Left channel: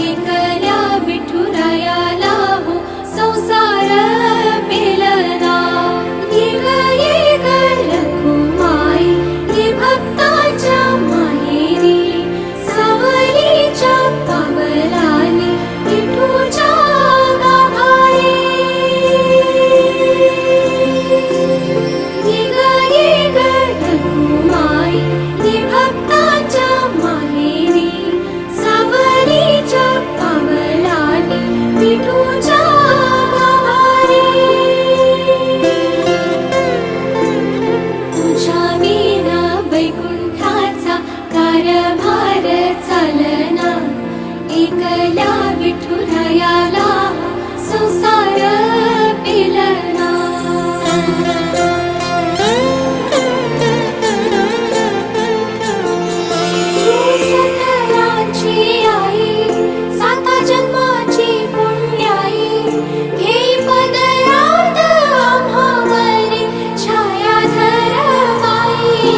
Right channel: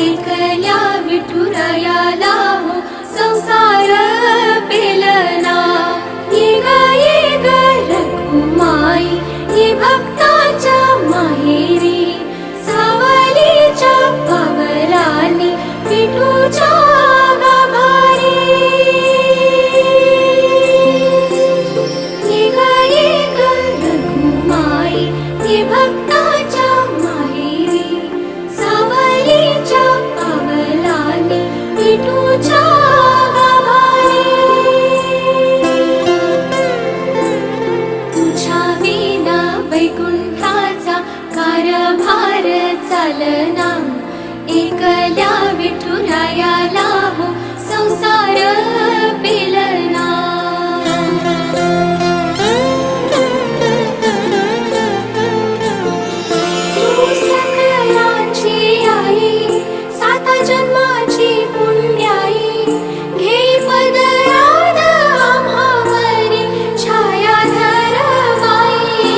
एकल्या विठुरायाला हो संसार पेलना। ये ग रखुमाई ये भक्ताच्या माहेरी, सावलीच्या पावलांनी विठूच्या गाभारी। ये ग रखुमाई ये भक्ताच्या माहेरी, सावलीच्या पावलांनी विठूच्या गाभारी। तुझ्या विना वैकुंठाचा कारभार चालना। एकल्या विठुरायाला हो संसार पेलना। सकलांची आई, साता जन्माची पुण्याई, घेई पदरात आम्हावरी छायाधर बाई।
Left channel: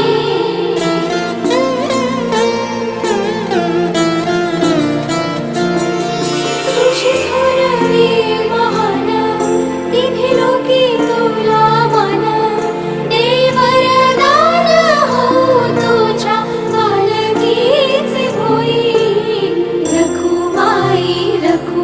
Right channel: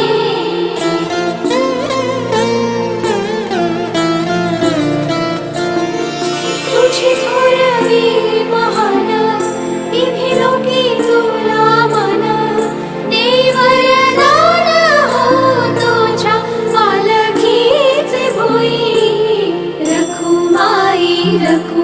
तुझी थोरवी महान, तिन्ही लोकी तुला मान, देई वरदान हो तुझ्या पालखीचे भोई। रखुमाई रखु